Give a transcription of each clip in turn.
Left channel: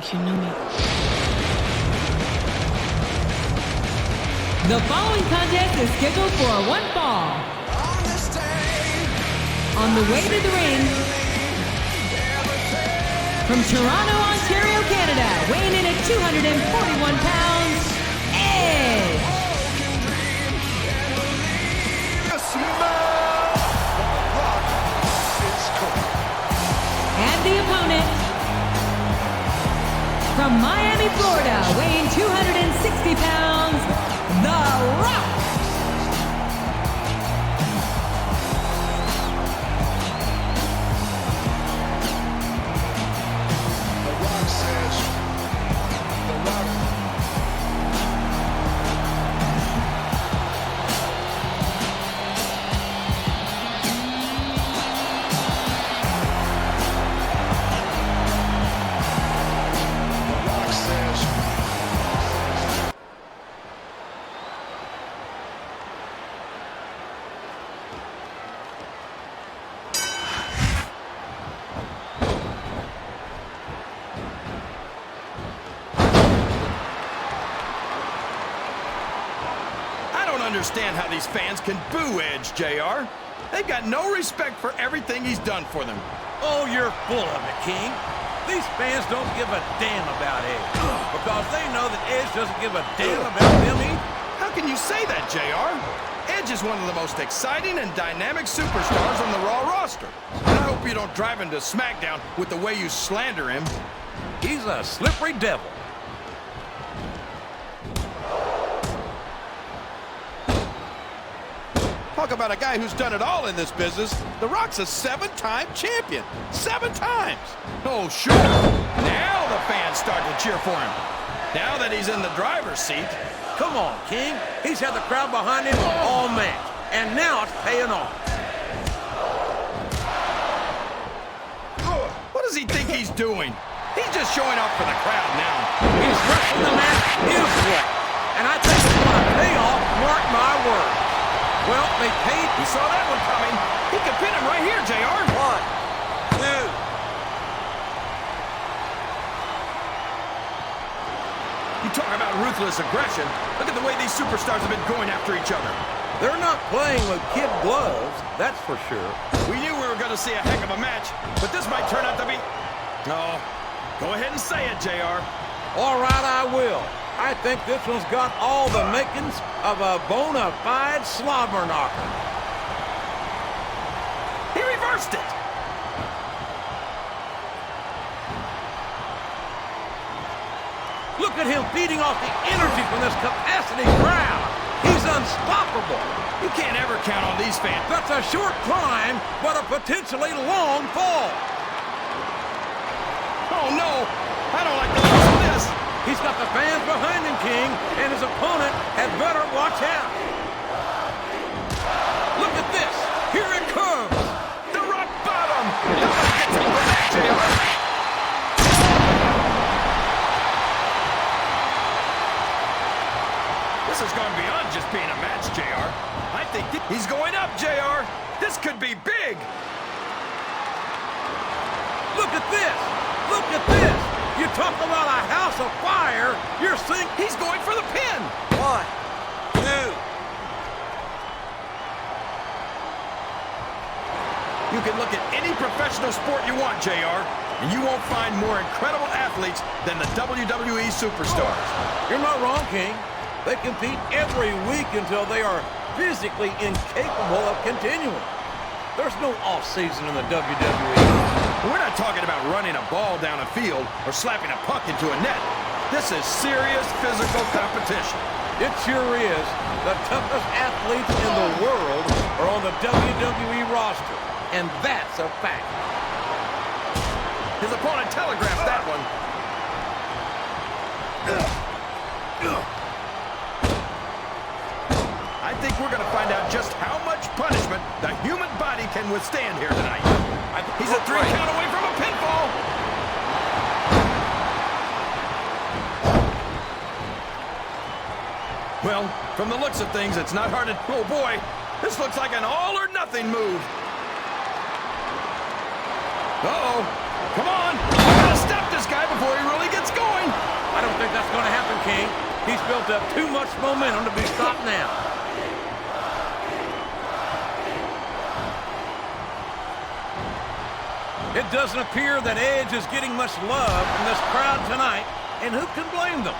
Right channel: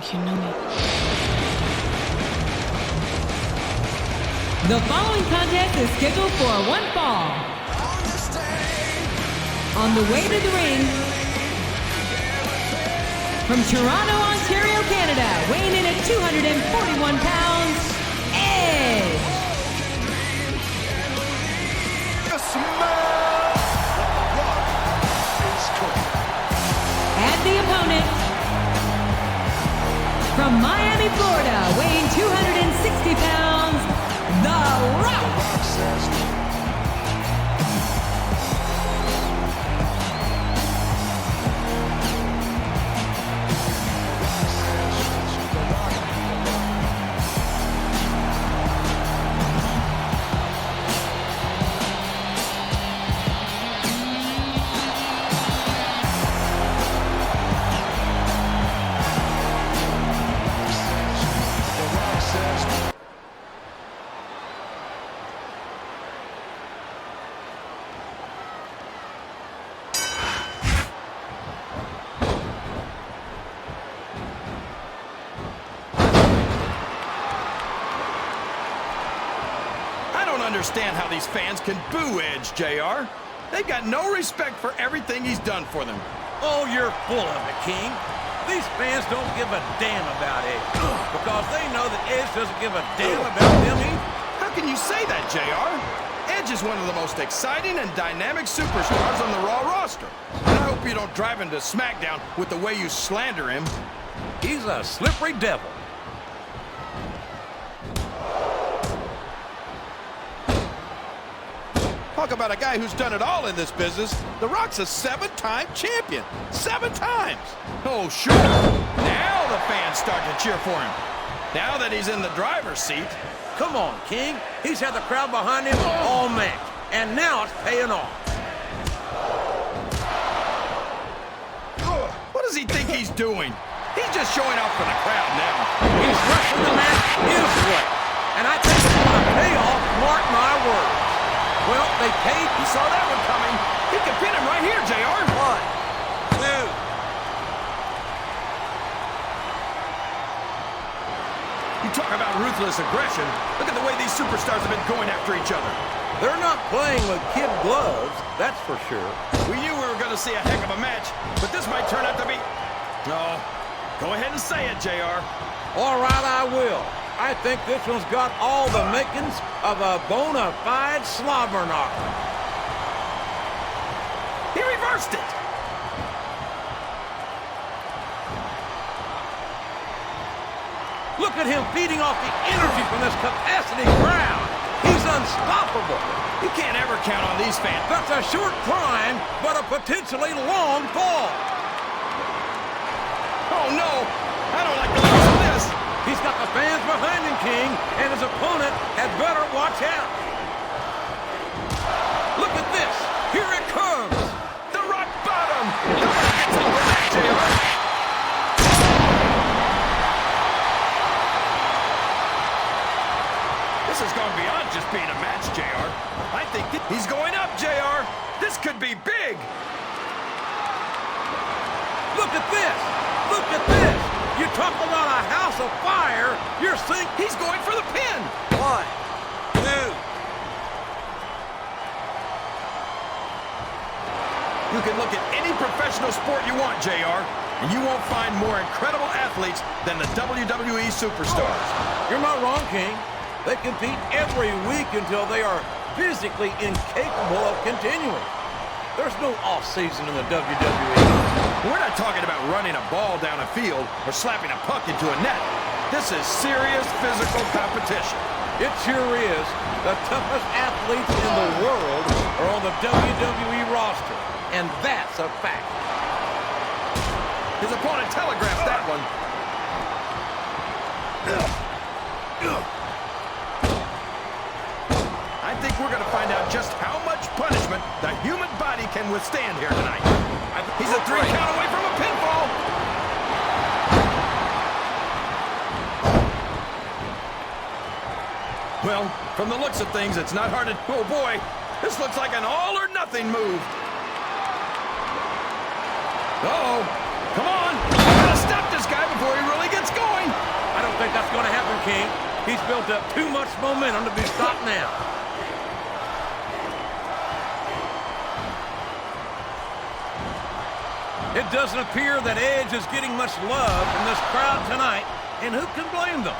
think you know me. The following contest is scheduled for one fall. On the way to the ring, from Toronto, Ontario, Canada, weighing in at 241 pounds, Edge. Smell what the Rock is cooking. And the opponent, from Miami, Florida, weighing 260 pounds, The Rock. Understand how these fans can boo Edge, JR. They've got no respect for everything he's done for them. Oh, you're full of it, King. These fans don't give a damn about Edge because they know that Edge doesn't give a damn about them either. How can you say that, JR? Edge is one of the most exciting and dynamic superstars on the Raw roster. And I hope you don't drive him to Smackdown with the way you slander him. He's a slippery devil. Talk about a guy who's done it all in this business. The Rock's a 7-time champion. 7 times. Oh, sure. Now the fans start to cheer for him. Now that he's in the driver's seat. Come on, King. He's had the crowd behind him all match. And now it's paying off. What does he think he's doing? He's just showing off for the crowd now. He's wrestling the match his way. And I think it's going to pay off, mark my words. Well, they paid. He saw that one coming. He could pin him right here, JR. 1, 2. You talk about ruthless aggression. Look at the way these superstars have been going after each other. They're not playing with kid gloves, that's for sure. We knew we were going to see a heck of a match, but this might turn out to be... No. Go ahead and say it, JR. All right, I will. I think this one's got all the makings of a bona fide slobber knocker. He reversed it. Look at him feeding off the energy from this capacity crowd. He's unstoppable. You can't ever count on these fans. That's a short climb, but a potentially long fall. Oh, no. I don't like the looks of this. He's got the fans behind him, King, and his opponent had better watch out. Look at this. Here it comes. The rock bottom. Nobody gets over that, JR. This has gone beyond just being a match, JR. I think he's going up, JR. This could be big. Look at this. Look at this. You talk about a house of fire, you're seeing... He's going for the pin. 1, 2. You can look at any professional sport you want, JR, and you won't find more incredible athletes than the WWE superstars. You're not wrong, King. They compete every week until they are physically incapable of continuing. There's no off-season in the WWE. We're not talking about running a ball down a field or slapping a puck into a net. This is serious physical competition. It sure is. The toughest athletes in the world are on the WWE roster, and that's a fact. His opponent telegraphed that one. I think we're going to find out just how much punishment the human body can withstand here tonight. He's a 3 count away from a pinfall. Well, from the looks of things, it's not hard to... Oh, boy. This looks like an all-or-nothing move. Uh-oh. Come on. We gotta stop this guy before he really gets I don't think that's going to happen, King. He's built up too much momentum to be stopped now. It doesn't appear that Edge is getting much love from this crowd tonight, and who can blame them?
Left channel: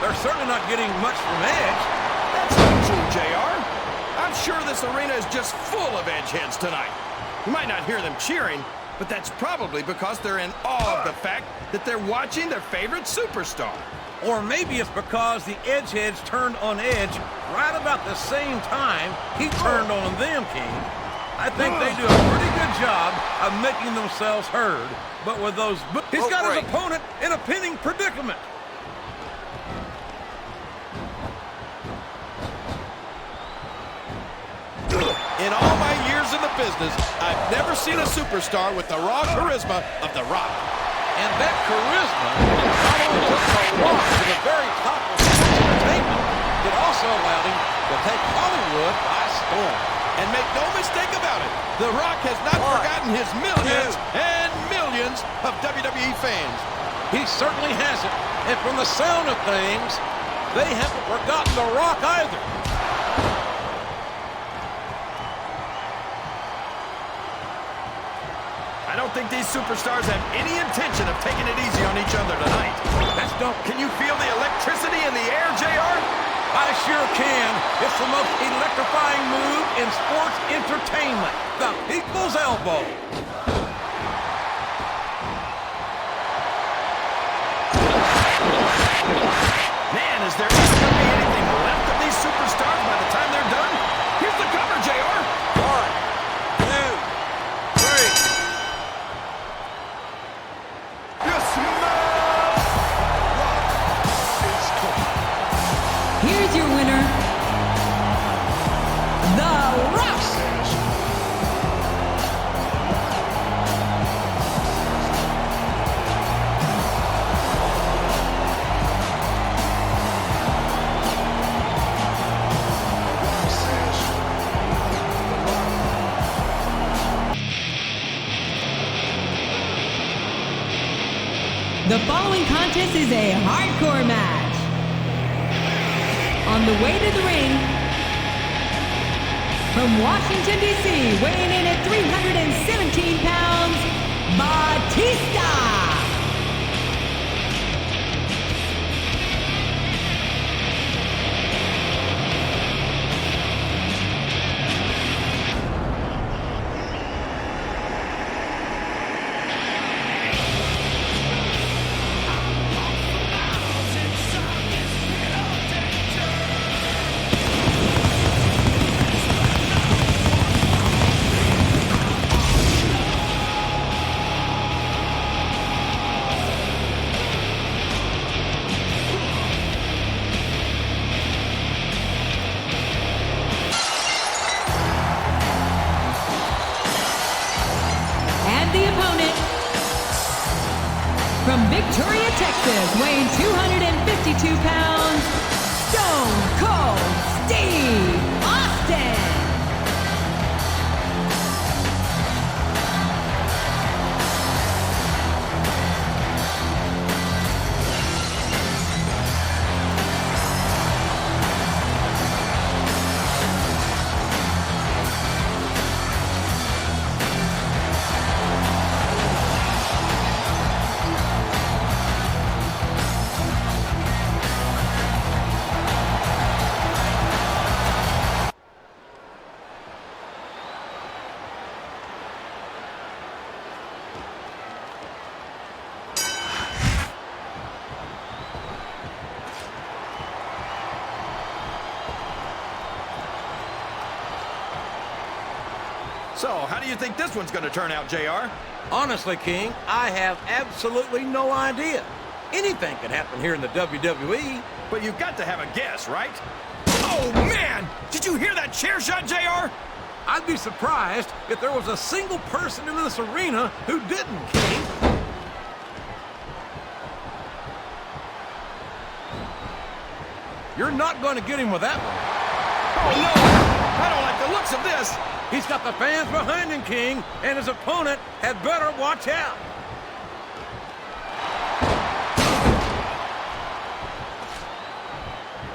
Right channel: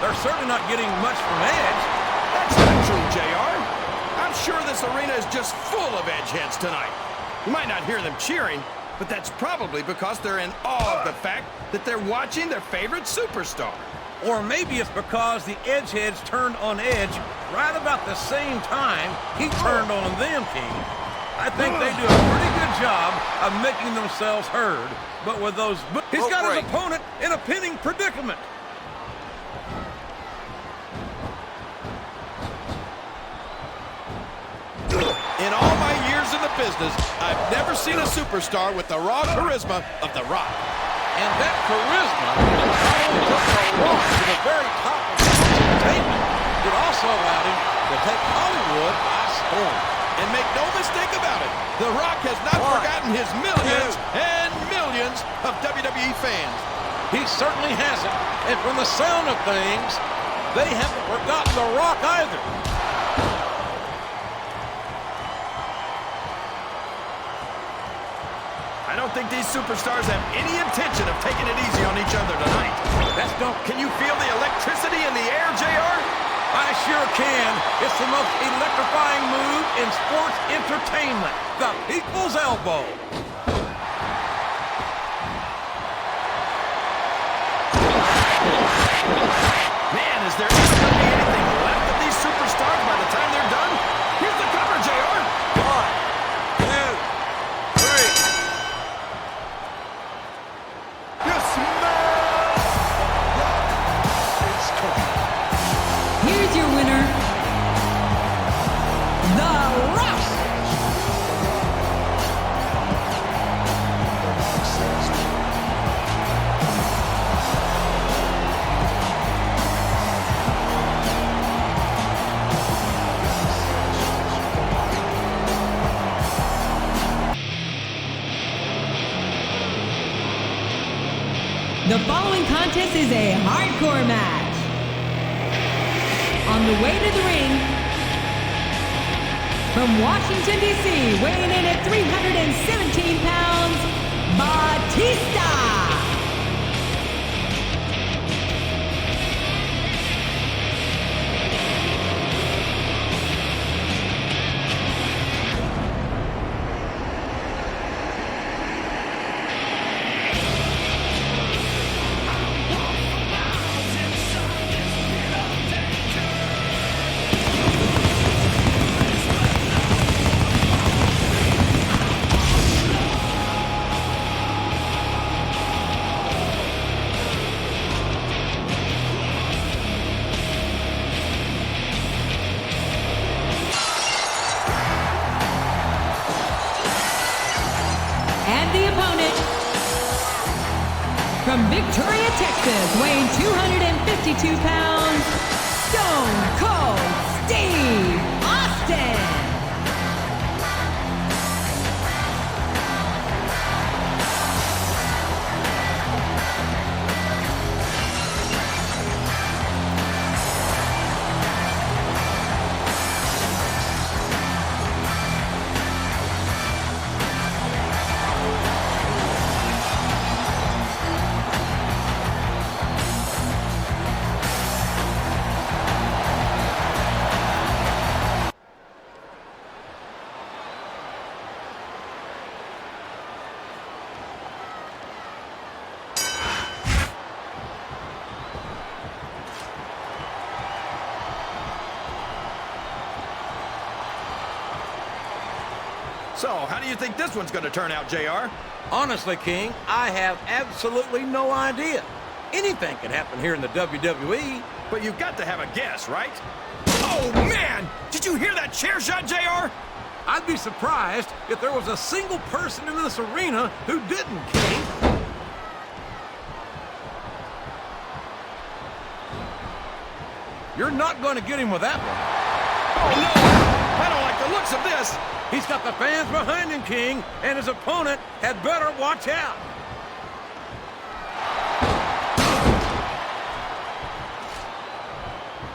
They're certainly not getting much from Edge. That's not true, JR. I'm sure this arena is just full of Edge heads tonight. You might not hear them cheering, but that's probably because they're in awe of the fact that they're watching their favorite superstar. Or maybe it's because the Edge heads turned on Edge right about the same time he turned on them, King. I think they do a pretty good job of making themselves heard, but with those... He's got his opponent in a pinning predicament. In all my years in the business, I've never seen a superstar with the raw charisma of The Rock. And that charisma not only took The Rock to the very top of sports entertainment, it also allowed him to take Hollywood by storm. And make no mistake about it, The Rock has not forgotten his millions and millions of WWE fans. He certainly hasn't. And from the sound of things, they haven't forgotten The Rock either. I don't think these superstars have any intention of taking it easy on each other tonight. Can you feel the electricity in the air, JR? I sure can. It's the most electrifying move in sports entertainment. The people's elbow. Man, is there ever going to be anything left of these superstars by the time they're done? Here's the cover, JR. 1, 2, 3. You smell what the Rock is cooking. Here's your winner, The Rock. The following contest is a hardcore match. On the way to the ring, from Washington, D.C., weighing in at 317 pounds, Batista. And the opponent, from Victoria, Texas, weighing 252 pounds, Stone Cold Steve Austin. So, how do you think this one's going to turn out, JR? Honestly, King, I have absolutely no idea. Anything can happen here in the WWE. But you've got to have a guess, right? Oh, man! Did you hear that chair shot, JR? I'd be surprised if there was a single person in this arena who didn't, King. You're not going to get him with that one. Oh, no! I don't like the looks of this. He's got the fans behind him, King, and his opponent had better watch out.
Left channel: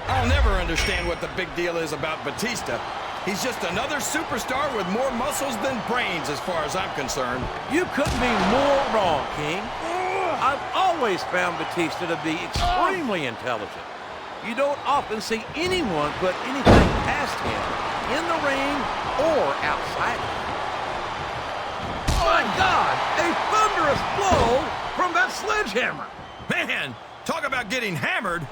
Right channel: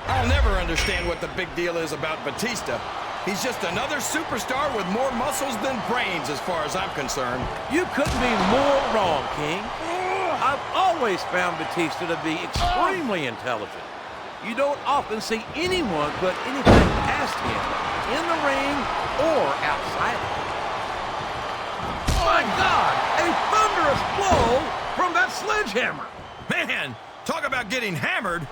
I'll never understand what the big deal is about Batista. He's just another superstar with more muscles than brains as far as I'm concerned. You couldn't be more wrong, King. I've always found Batista to be extremely intelligent. You don't often see anyone put anything past him in the ring or outside of it. My God, a thunderous blow from that sledgehammer. Man, talk about getting hammered.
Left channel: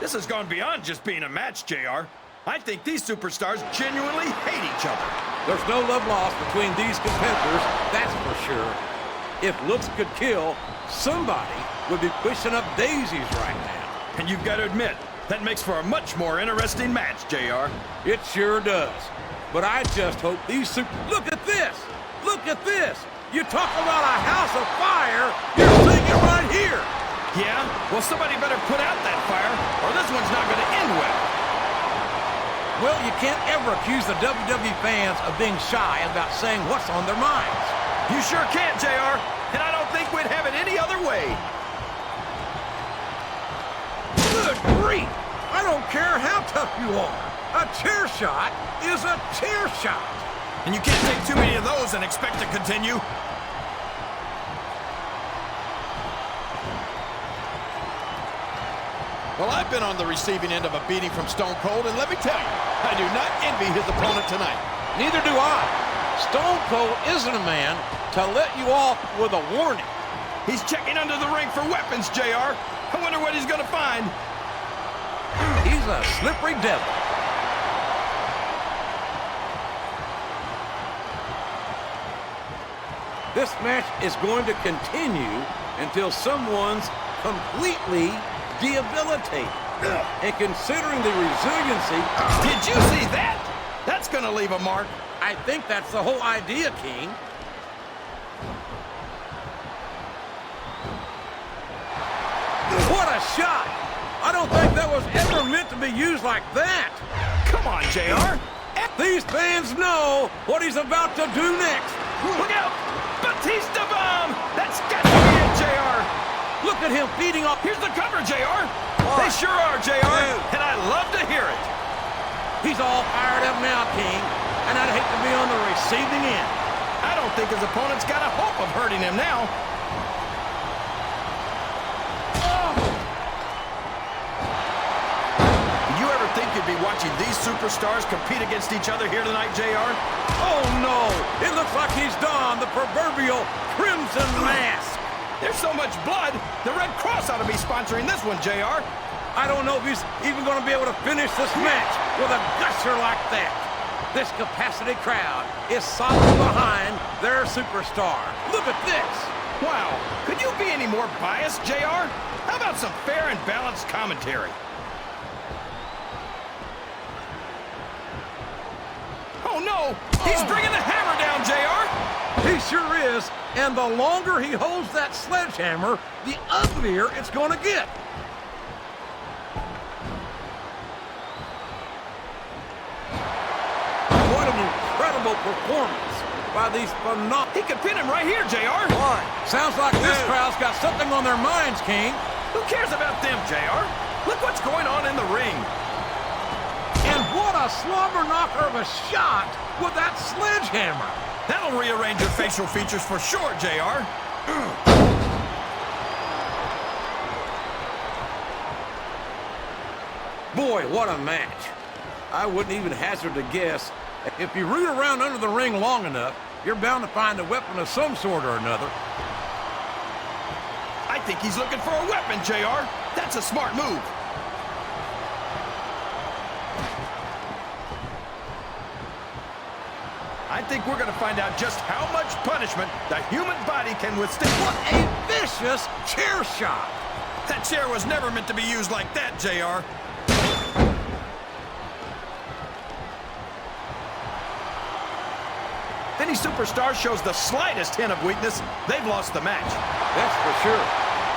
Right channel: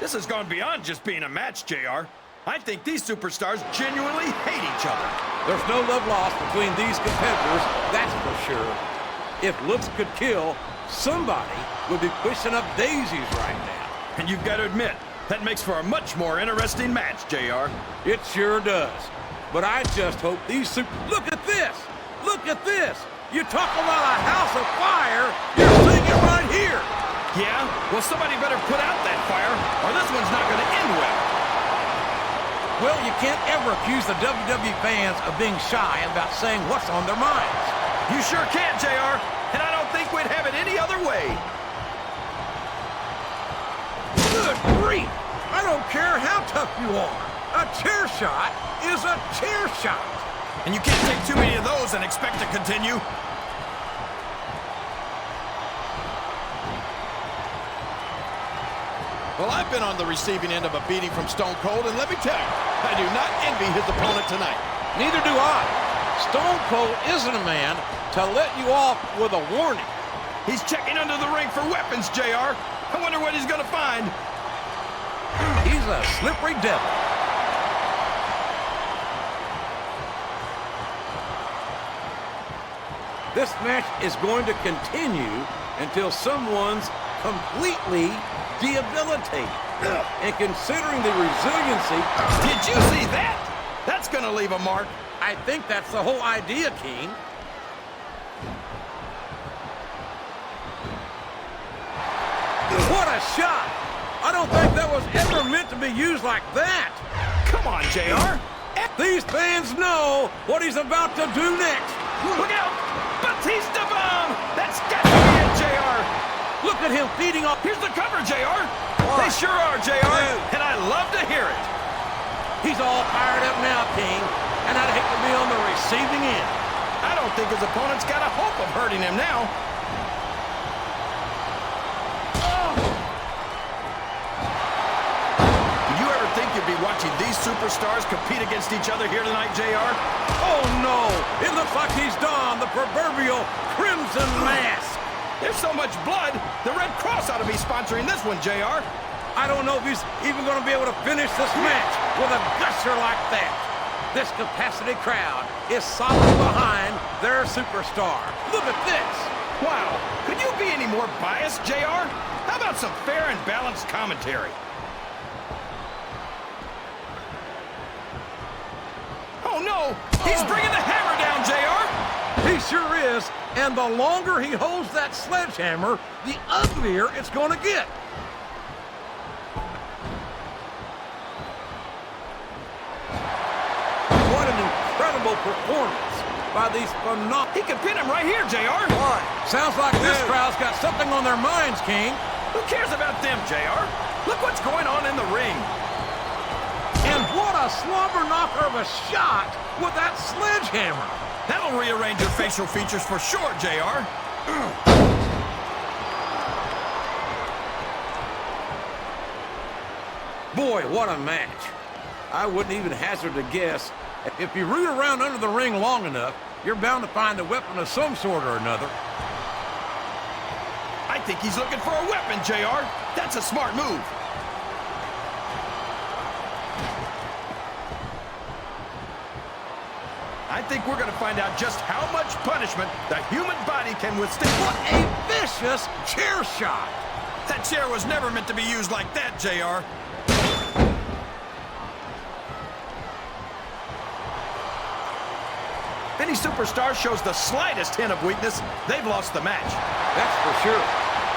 This has gone beyond just being a match, JR. I think these superstars genuinely hate each other. There's no love lost between these competitors, that's for sure. If looks could kill, somebody would be pushing up daisies right now. And you've got to admit, that makes for a much more interesting match, JR. It sure does. But I just hope these Look at this! Look at this! You talk about a house of fire, you're seeing it right here! Yeah? Well, somebody better put out that fire, or this one's not going to end well. Well, you can't ever accuse the WWE fans of being shy about saying what's on their minds. You sure can't, JR, and I don't think we'd have it any other way. Good grief! I don't care how tough you are. A chair shot is a chair shot. And you can't take too many of those and expect to continue. Well, I've been on the receiving end of a beating from Stone Cold, and let me tell you, I do not envy his opponent tonight. Neither do I. Stone Cold isn't a man to let you off with a warning. He's checking under the ring for weapons, JR. I wonder what he's going to find. He's a slippery devil. This match is going to continue until someone's completely debilitated. And considering the resiliency... Did you see that? That's going to leave a mark. I think that's the whole idea, King. What a shot! I don't think that was ever meant to be used like that. Come on, JR. These fans know what he's about to do next. Look out! Batista bomb! That's got to be it, JR. Look at him feeding off. Here's the cover, JR. What? They sure are, JR. And I love to hear it. He's all fired up now, King. And I'd hate to be on the receiving end. I don't think his opponent's got a hope of hurting him now. Did you ever think you'd be watching these superstars compete against each other here tonight, JR? Oh, no. It looks like he's donned the proverbial crimson mask. There's so much blood, the Red Cross ought to be sponsoring this one, JR. I don't know if he's even going to be able to finish this match with a gusher like that. This capacity crowd is solid behind their superstar. Look at this. Wow, could you be any more biased, JR? How about some fair and balanced commentary? Oh, no! He's bringing the hammer down, JR! He sure is, and the longer he holds that sledgehammer, the uglier it's going to get. What an incredible performance by these phenomenal... He could pin him right here, JR! Why? Sounds like this crowd's got something on their minds, King. Who cares about them, JR? Look what's going on in the ring. And what a slobber knocker of a shot with that sledgehammer. That'll rearrange your facial features for sure, JR. Boy, what a match. I wouldn't even hazard a guess. If you root around under the ring long enough, you're bound to find a weapon of some sort or another. I think he's looking for a weapon, JR. That's a smart move. I think we're going to find out just how much punishment the human body can withstand. What a vicious chair shot! That chair was never meant to be used like that, JR. If any superstar shows the slightest hint of weakness, they've lost the match. That's for sure.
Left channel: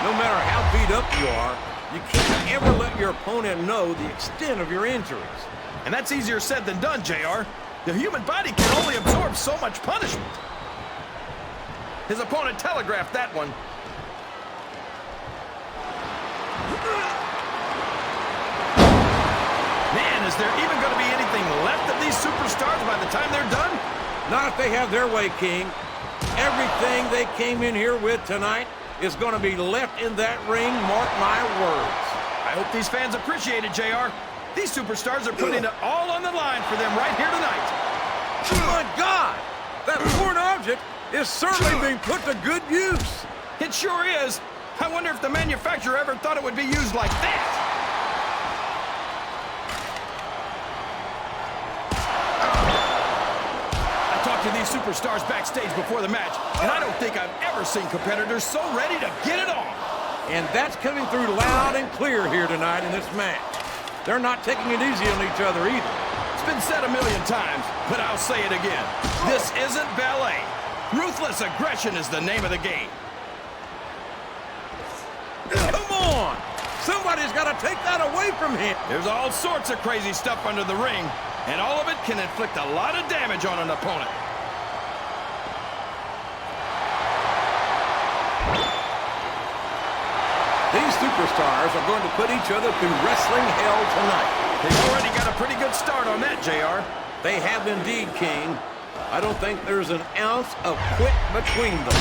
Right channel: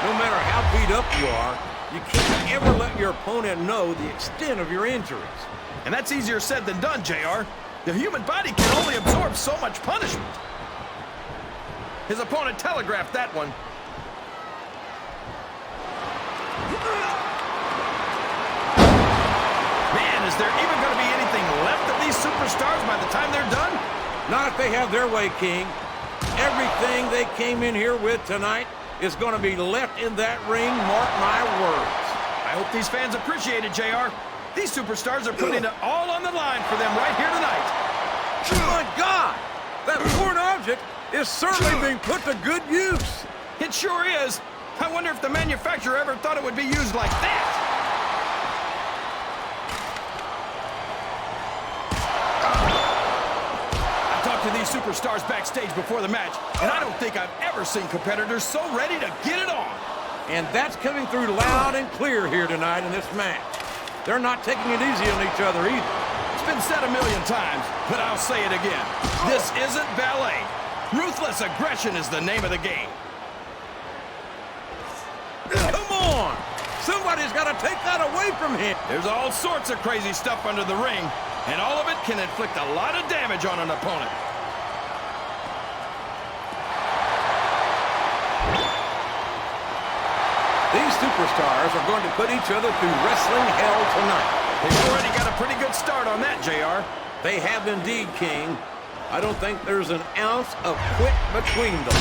No matter how beat up you are, you can't ever let your opponent know the extent of your injuries. And that's easier said than done, JR. The human body can only absorb so much punishment. His opponent telegraphed that one. Man, is there even going to be anything left of these superstars by the time they're done? Not if they have their way, King. Everything they came in here with tonight is going to be left in that ring, mark my words. I hope these fans appreciate it, JR. These superstars are putting it all on the line for them right here tonight. My God! That foreign object is certainly being put to good use. It sure is. I wonder if the manufacturer ever thought it would be used like that. I talked to these superstars backstage before the match, and I don't think I've ever seen competitors so ready to get it on. And that's coming through loud and clear here tonight in this match. They're not taking it easy on each other either. It's been said a million times, but I'll say it again. This isn't ballet. Ruthless aggression is the name of the game. Come on! Somebody's got to take that away from him. There's all sorts of crazy stuff under the ring, and all of it can inflict a lot of damage on an opponent. These superstars are going to put each other through wrestling hell tonight. They've already got a pretty good start on that, JR. They have indeed, King. I don't think there's an ounce of quit between them.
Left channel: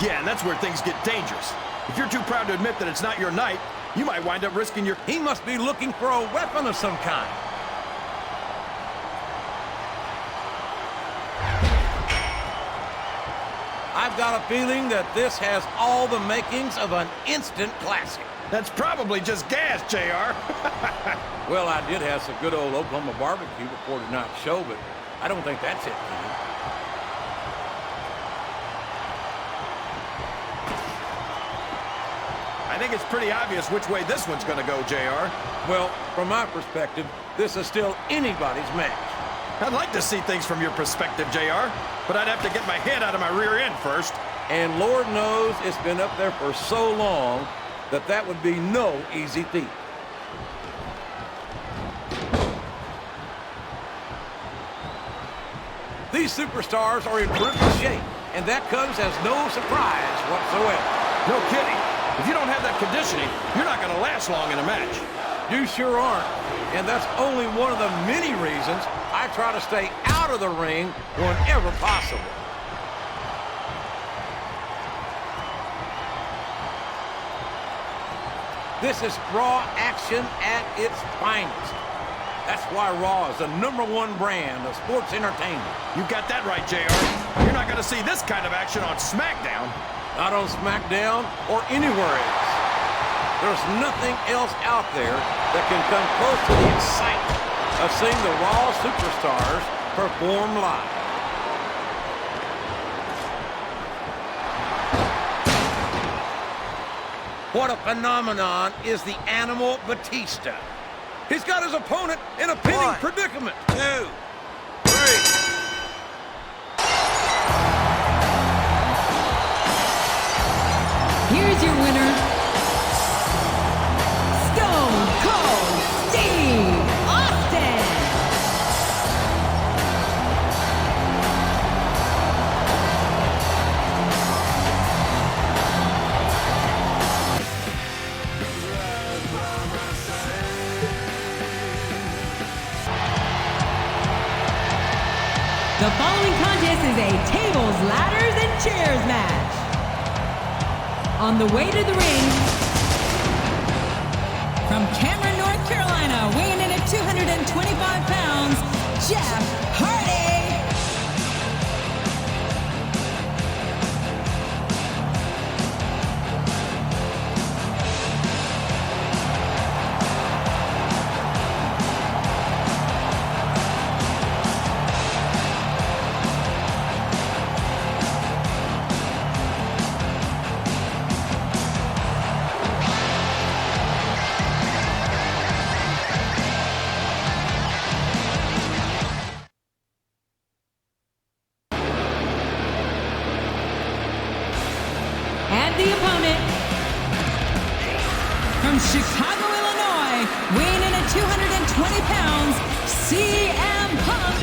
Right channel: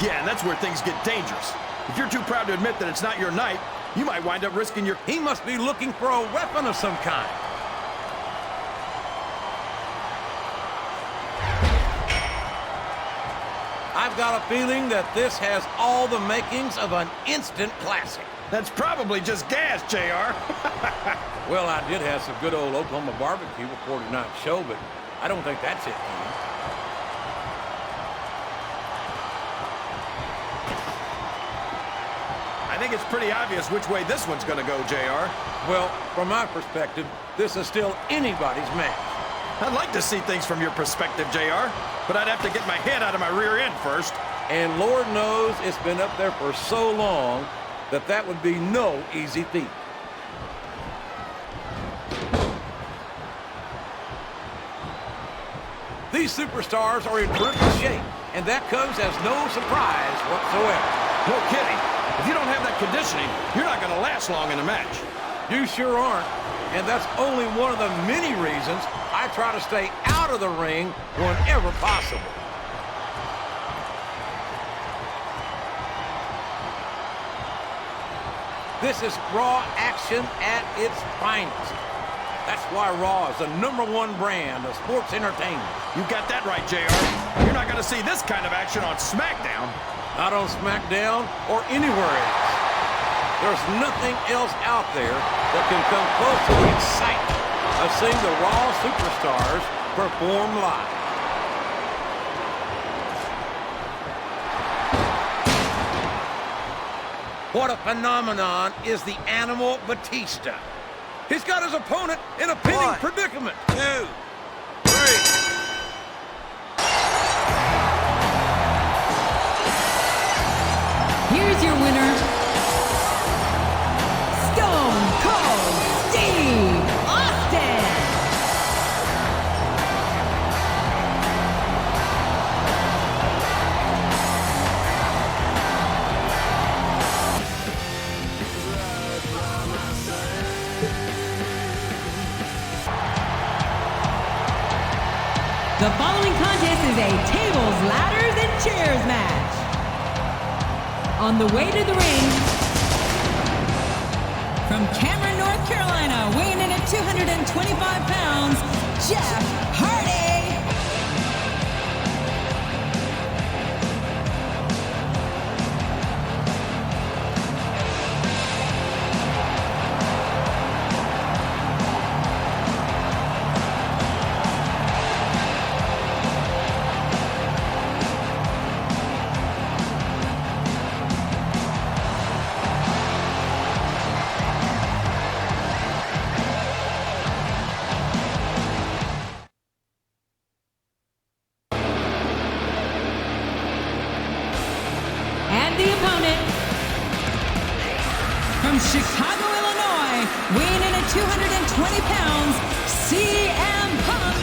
Yeah, and that's where things get dangerous. If you're too proud to admit that it's not your night, you might wind up risking your... He must be looking for a weapon of some kind. I've got a feeling that this has all the makings of an instant classic. That's probably just gas, JR. Well, I did have some good old Oklahoma barbecue before tonight's show, but I don't think that's it, King. I think it's pretty obvious which way this one's going to go, JR. Well, from my perspective, this is still anybody's match. I'd like to see things from your perspective, JR, but I'd have to get my head out of my rear end first. And Lord knows it's been up there for so long that that would be no easy feat. These superstars are in terrific shape, and that comes as no surprise whatsoever. No kidding. If you don't have that conditioning, you're not going to last long in a match. You sure aren't. And that's only one of the many reasons I try to stay out of the ring whenever possible. This is Raw action at its finest. That's why Raw is the #1 brand of sports entertainment. You got that right, JR. You're not going to see this kind of action on Smackdown. Not on Smackdown or anywhere else. There's nothing else out there that can come close to the excitement of seeing the Raw superstars perform live. What a phenomenon is the Animal Batista. He's got his opponent in a pinning predicament. 2, 3. Here's your winner, Stone Cold Steve Austin. The following contest is a tables, ladders, and chairs match. On the way to the ring, from Cameron, North Carolina, weighing in at 225 pounds, Jeff Hardy. And the opponent, from Chicago, Illinois, weighing in at 220 pounds, CM Punk.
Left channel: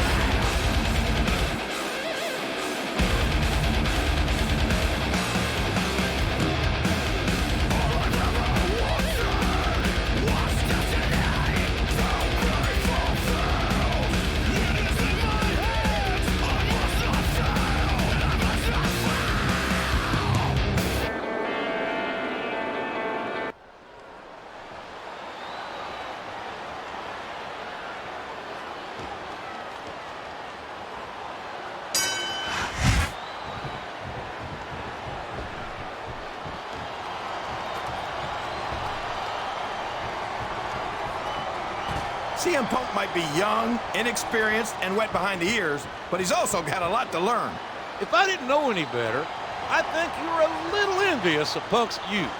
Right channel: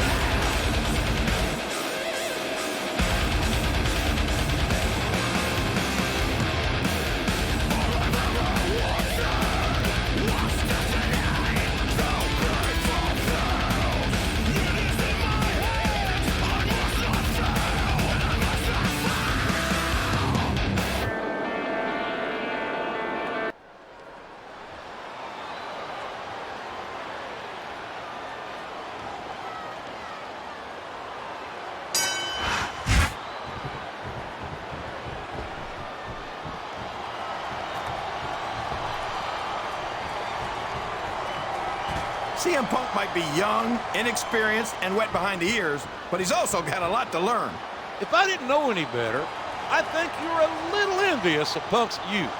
CM Punk might be young, inexperienced, and wet behind the ears, but he's also got a lot to learn. If I didn't know any better, I think you're a little envious of Punk's youth.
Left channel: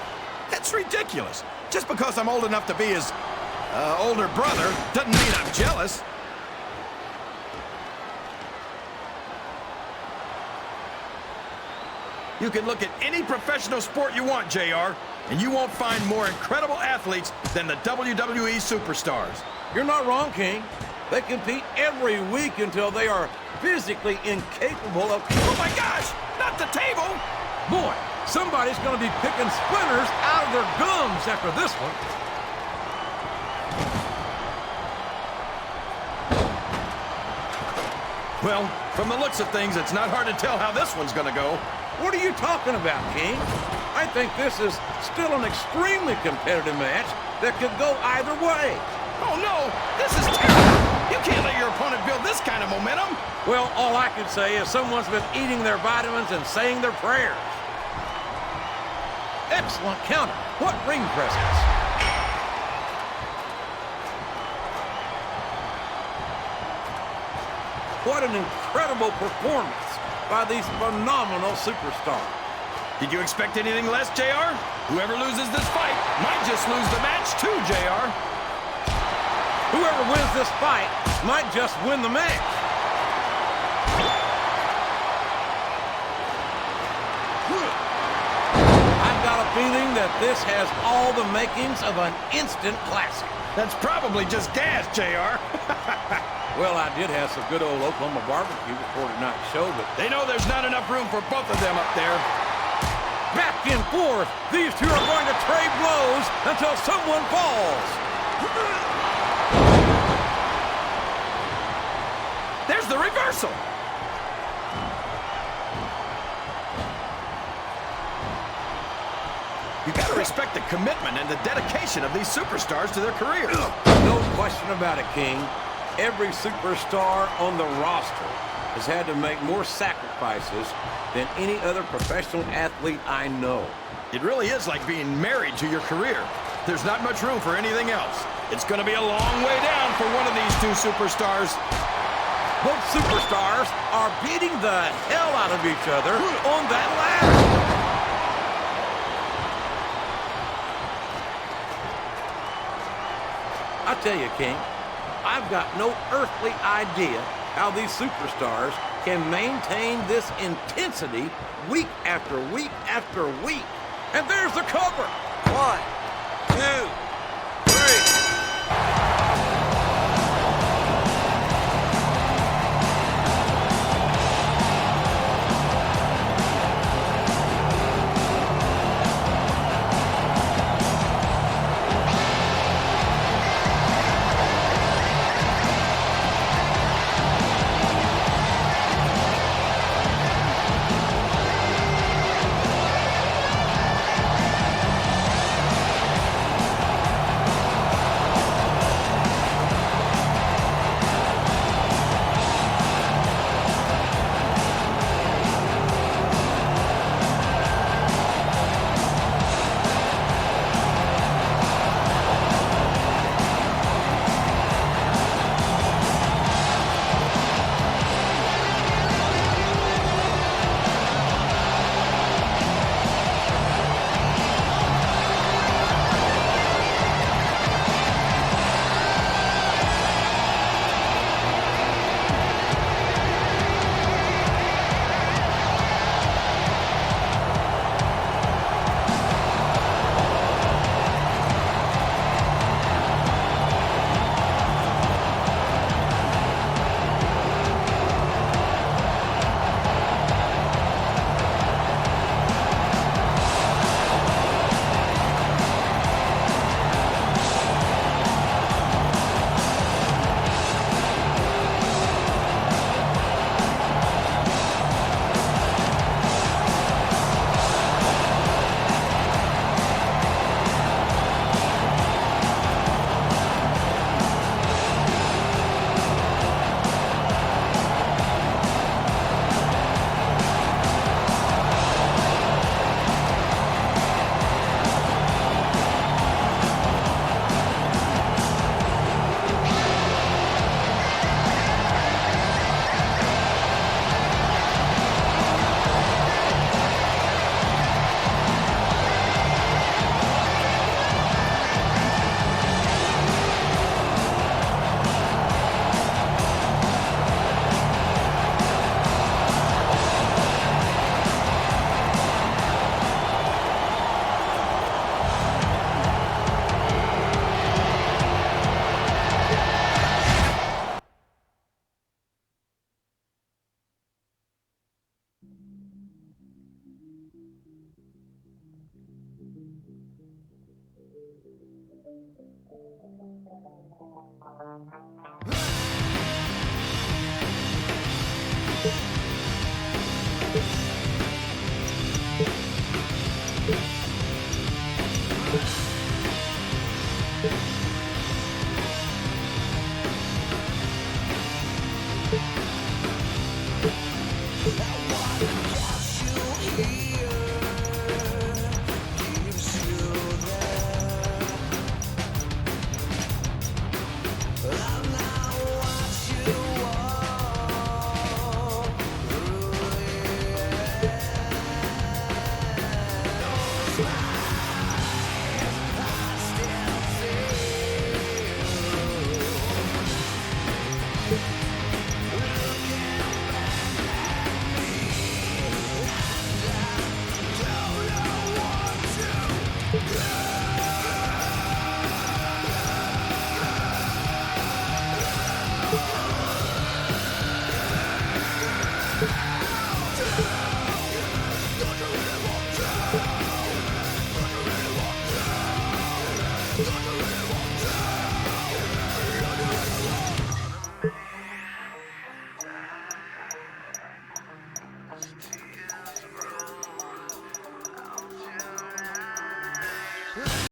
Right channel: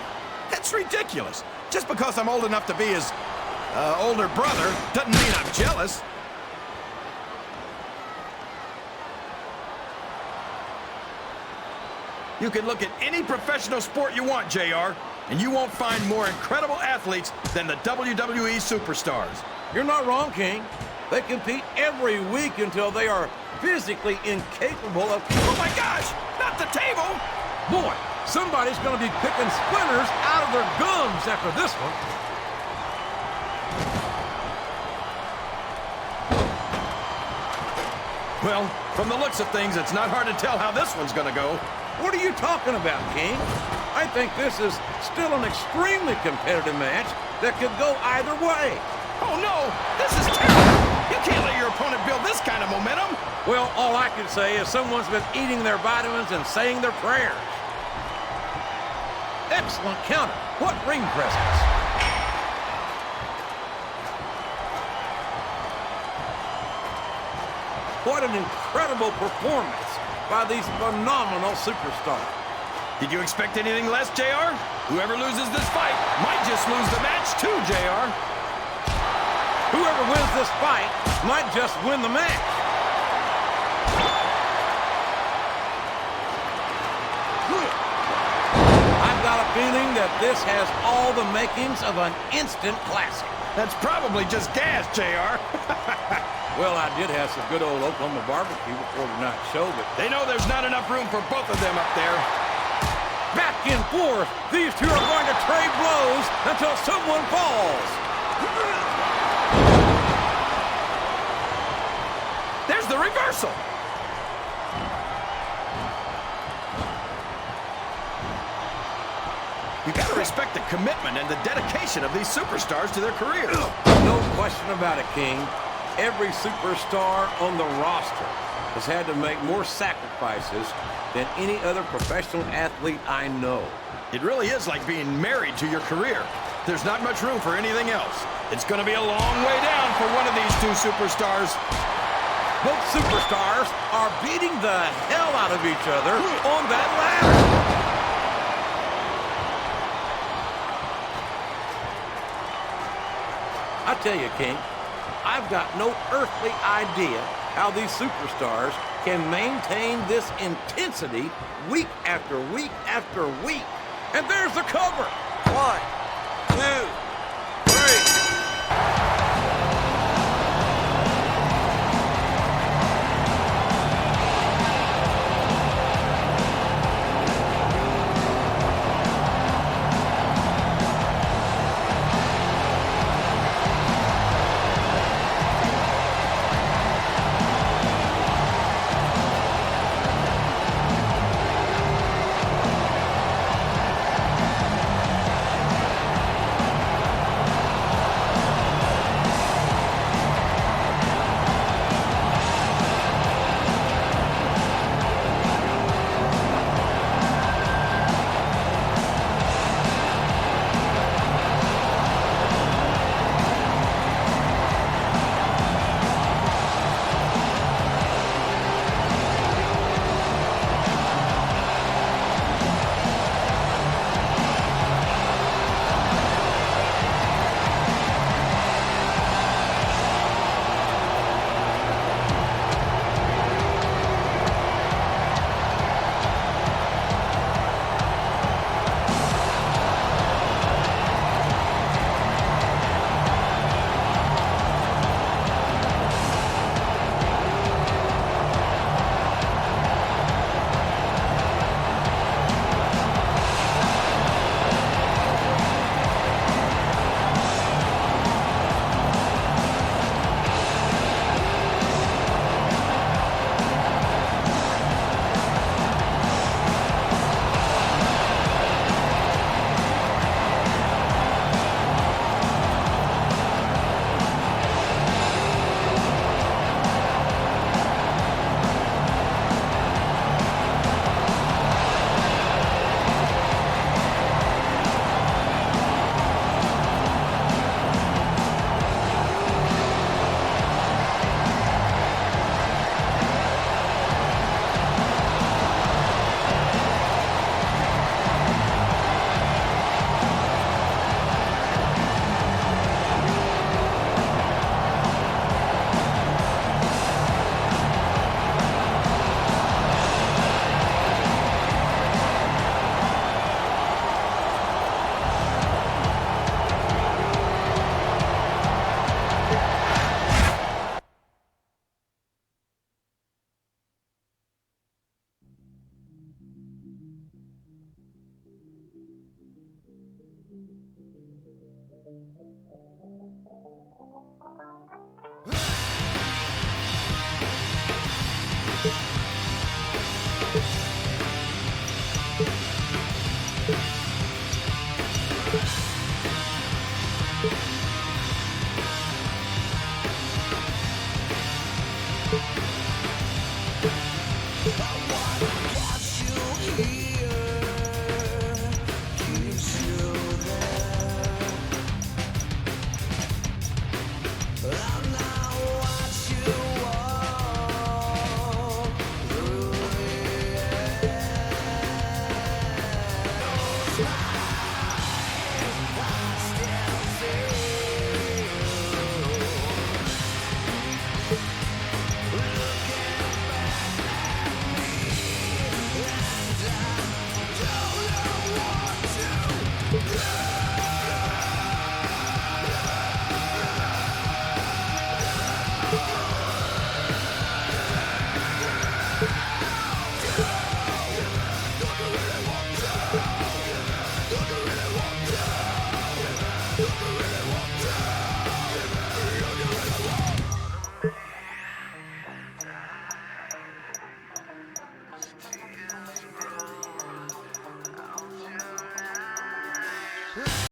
That's ridiculous. Just because I'm old enough to be his older brother doesn't mean I'm jealous. You can look at any professional sport you want, JR, and you won't find more incredible athletes than the WWE superstars. You're not wrong, King. They compete every week until they are physically incapable of... Oh my gosh! Not the table! Boy, somebody's going to be picking splinters out of their gums after this one. Well, from the looks of things, it's not hard to tell how this one's going to go. What are you talking about, King? I think this is still an extremely competitive match that could go either way. Oh no! This is terrible! You can't let your opponent build this kind of momentum! Well, all I can say is someone's been eating their vitamins and saying their prayers. Excellent counter. What ring presence? What an incredible performance by these phenomenal superstars. Did you expect anything less, JR? Whoever loses this fight might just lose the match too, JR. Whoever wins this fight might just win the match. I've got a feeling that this has all the makings of an instant classic. That's probably just gas, JR. Well, I did have some good old Oklahoma barbecue before tonight's show, but... They know there's not enough room for both of them up there. Back and forth, these two are going to trade blows until someone falls. There's the reversal. You gotta respect the commitment and the dedication of these superstars to their careers. No question about it, King. Every superstar on the roster has had to make more sacrifices than any other professional athlete I know. It really is like being married to your career. There's not much room for anything else. It's gonna be a long way down for one of these two superstars. Both superstars are beating the hell out of each other on that ladder. I tell you, King, I've got no earthly idea how these superstars can maintain this intensity week after week after week. And there's the cover. 1, 2, 3.